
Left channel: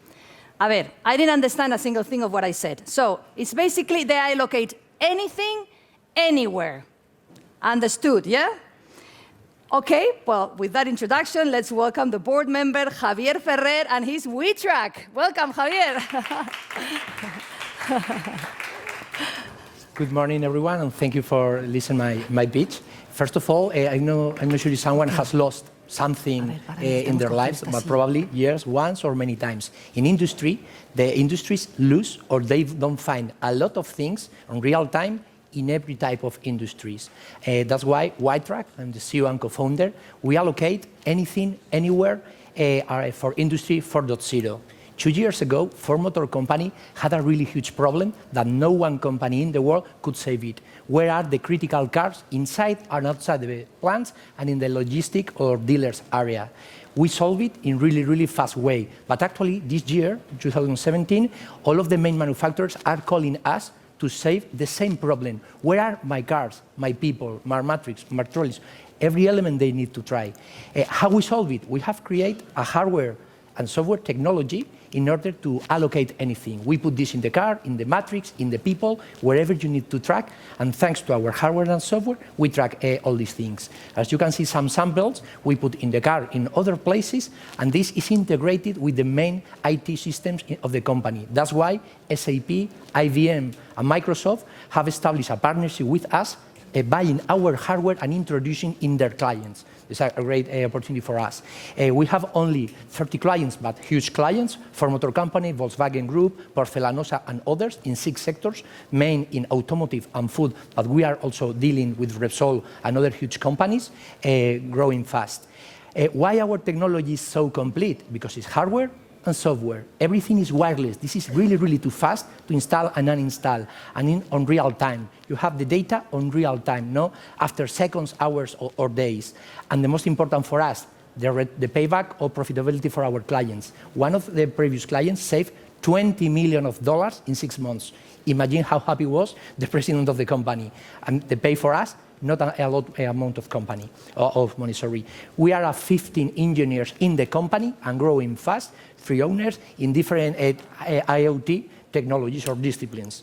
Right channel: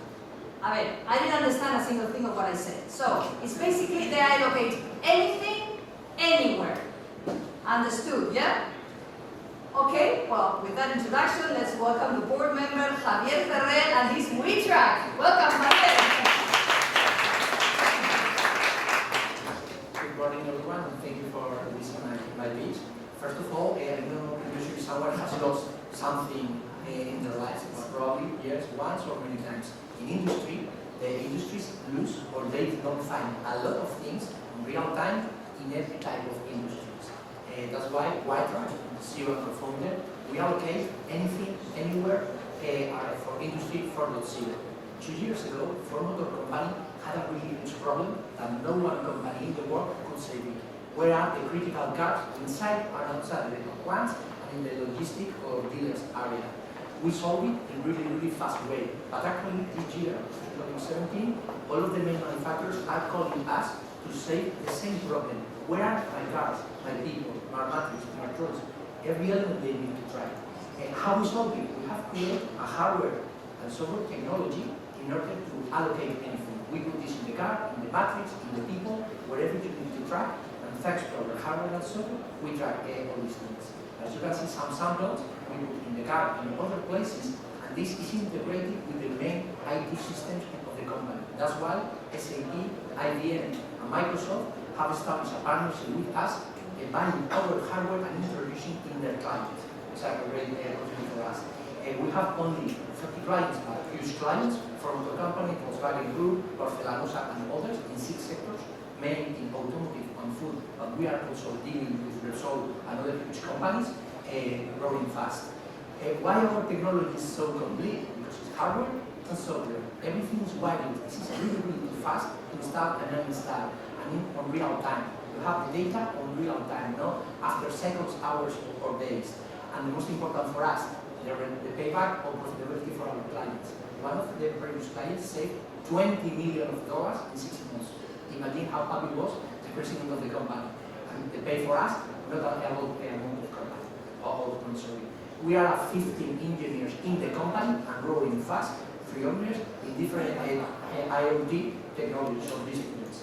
A ver, I didn't understand a single thing of what I said. So, it's basically they allocate anything, anywhere. Understood, yeah? Okay, well, with that introduction, let's welcome the board member, Javier Ferrer, and his WeTrack. Welcome, Javier. Good morning, everyone, and thank you for listening my pitch. First of all, I'm not sure if someone has lost something in their lives, but probably yes, once or many times. In industry, the industries lose or they don't find a lot of things in real time in every type of industries. That's why WeTrack, I'm the CEO and co-founder, we allocate anything, anywhere for Industry 4.0. 2 years ago, Ford Motor Company had a really huge problem that no one company in the world could save it. Where are the critical cars inside and outside the plants and in the logistic or dealers area? We solve it in really fast way. But actually, this year, 2017, all of the main manufacturers are calling us to save the same problem. Where are my cars, my people, my matrix, my trolleys, every element they need to try. How we solve it? We have created a hardware and software technology in order to allocate anything. We put this in the car, in the matrix, in the people, wherever you need to track, and thanks to our hardware and software, we track all these things. As you can see some samples, we put in the car in other places, and this is integrated with the main IT systems of the company. That's why SAP, IBM, and Microsoft have established a partnership with us, buying our hardware and introducing in their clients. It's a great opportunity for us. We have only 30 clients, but huge clients, Ford Motor Company, Volkswagen Group, Porcelanosa, and others in 6 sectors, main in automotive and food, but we are also dealing with Repsol and other huge companies, growing fast. Why our technology is so complete? Because it's hardware, and software. Everything is wireless. This is really, really too fast to install and uninstall, and on real time. You have the data on real time, no after seconds, hours, or days. And the most important for us, the payback or profitability for our clients. One of the previous clients saved $20 million in 6 months. Imagine how happy was the president of the company. And they pay for us, not a lot amount of money, sorry. We are 15 engineers in the company and growing fast, 3 owners in different IoT technologies or disciplines.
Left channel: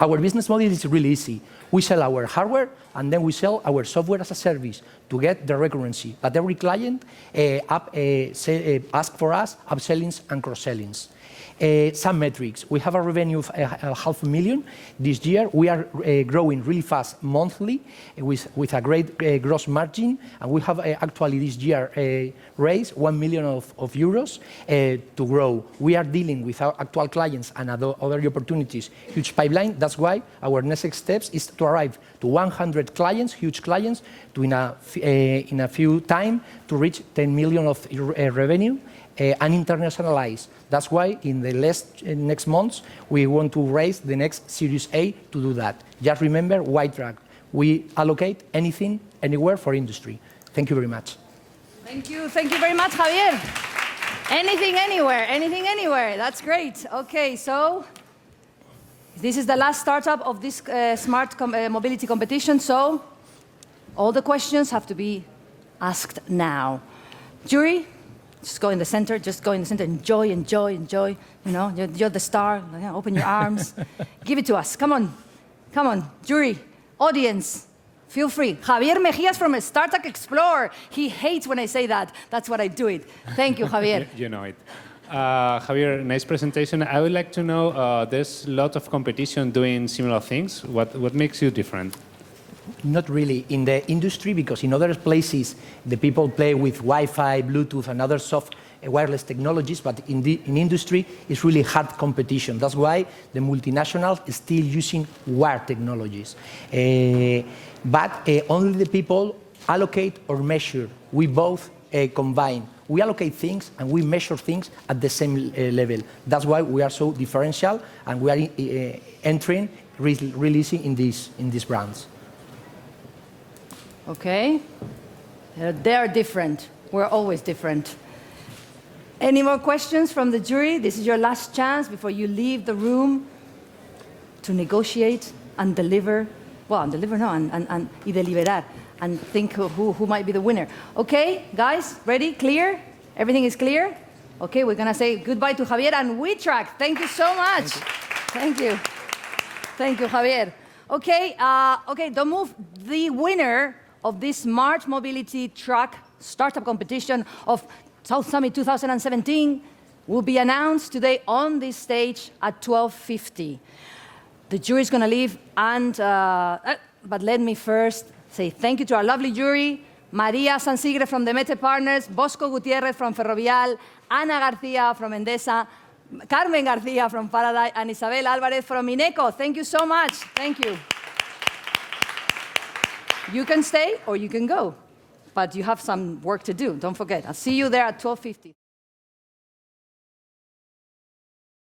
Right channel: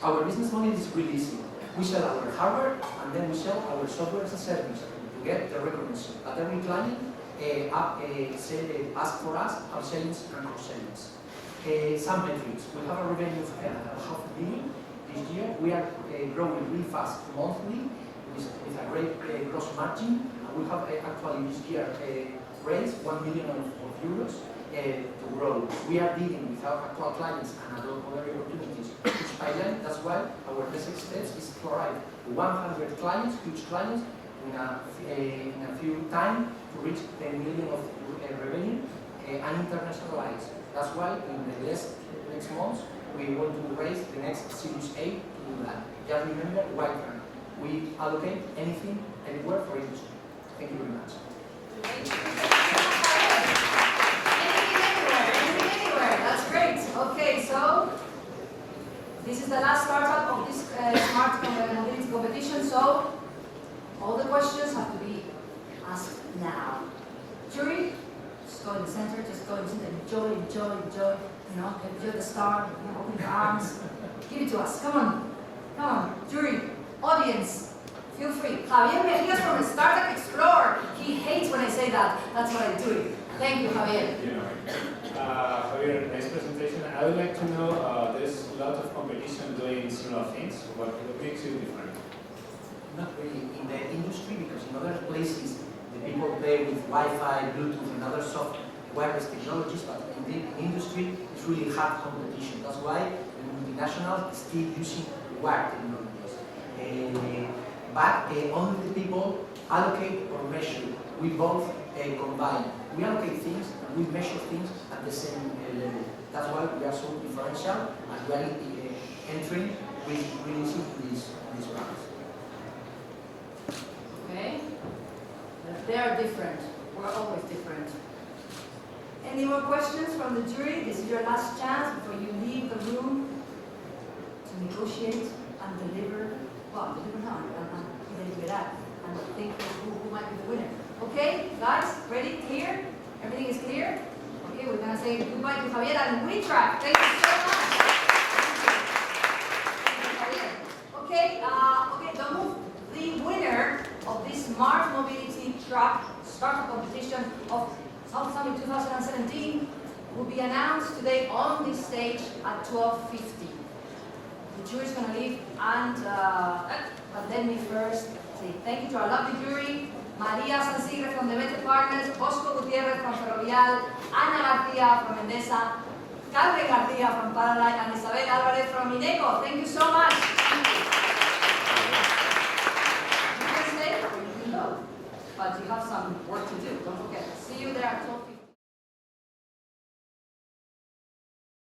Our business model is really easy. We sell our hardware and then we sell our software as a service to get the recurrency. But every client asks for us upsellings and cross-sellings. Some metrics. We have a revenue of $500,000 this year. We are growing really fast monthly with a great gross margin, and we have actually this year raised 1 million of euros to grow. We are dealing with our actual clients and other opportunities, huge pipeline. That's why our next steps is to arrive to 100 clients, huge clients, to in a few time to reach 10 million of revenue and internationalize. That's why in the next months we want to raise the next Series A to do that. Just remember, white track. We allocate anything, anywhere for industry. Thank you very much. Thank you very much, Javier. Anything, anywhere. That's great. Okay, so this is the last startup of this smart mobility competition. So all the questions have to be asked now. Jury, just go in the center. Enjoy. You know, you're the star. Open your arms. Give it to us. Come on. Jury, audience, feel free. Javier Mejías from Startup Explorer. He hates when I say that. That's what I do it. Thank you, Javier. You know it. Javier, nice presentation. I would like to know, there's a lot of competition doing similar things. What makes you different? Not really in the industry, because in other places the people play with Wi-Fi, Bluetooth, and other soft wireless technologies, but in industry it's really hard competition. That's why the multinationals are still using wired technologies. But only the people allocate or measure. We both combine. We allocate things and we measure things at the same level. That's why we are so differential, and we are entering, releasing in these brands. Okay, they're different. We're always different. Any more questions from the jury? This is your last chance before you leave the room to negotiate and deliver. Well, and deliberar, and think who might be the winner. Okay, guys, ready? Clear? Everything is clear? Okay, we're gonna say goodbye to Javier and WeTrack. Thank you so much. Thank you, Javier. Okay, don't move. The winner of this Smart Mobility Truck Startup Competition of South Summit 2017 will be announced today on this stage at 12:50. The jury is going to leave, but let me first say thank you to our lovely jury: María Sansigre from Demeter Partners, Bosco Gutiérrez from Ferrovial, Ana García from Endesa, Carmen García from Paradise, and Isabel Álvarez from Ineco. Thank you so much. Thank you. You can stay or you can go, but you have some work to do. Don't forget. I'll see you there at 12:50.